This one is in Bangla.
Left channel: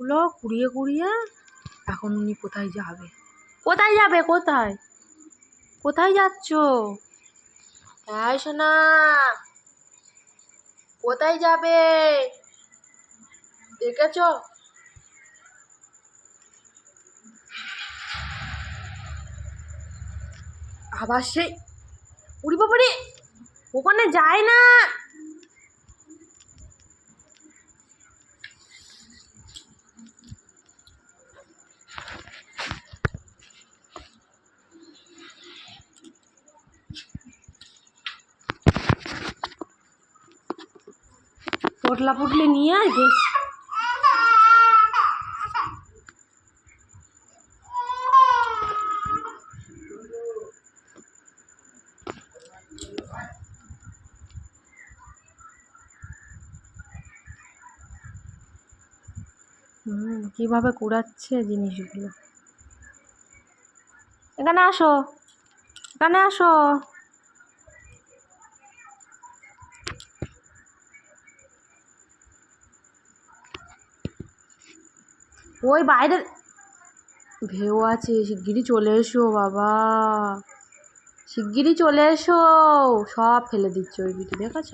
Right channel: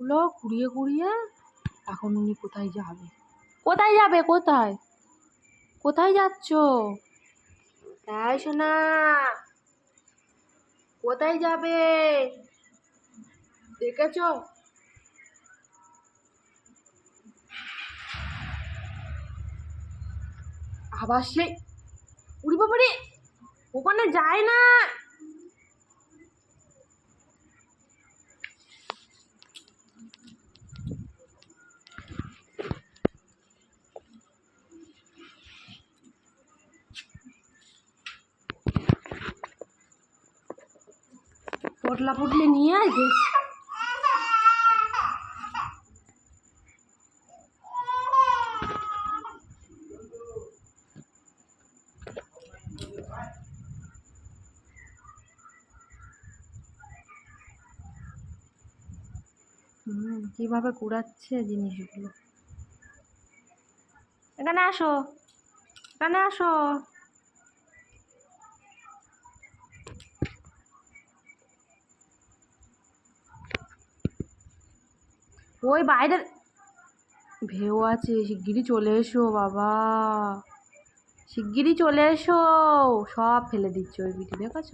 গুলো কুড়িয়ে কুড়িয়ে এখন উনি কোথায় যাবে? কোথায় যাবে? কোথায় কোথায় যাচ্ছ? এই সোনা, কোথায় যাবে? দেখেছ? আবার সেই উড়ি বাবারে, ওখানে যায় না। পটলা পুটলে নিয়ে আয় বেশ। কিভাবে কুড়াচ্ছে জিনিসগুলো। এখানে আসো, এখানে আসো। ওই বাইরে ভেউ আছে, শিগগিরই চলে এসো বাবা, শিগগিরই চলে এসো। সব ফেলে দিচ্ছে ওই বিটি, দেখেছ?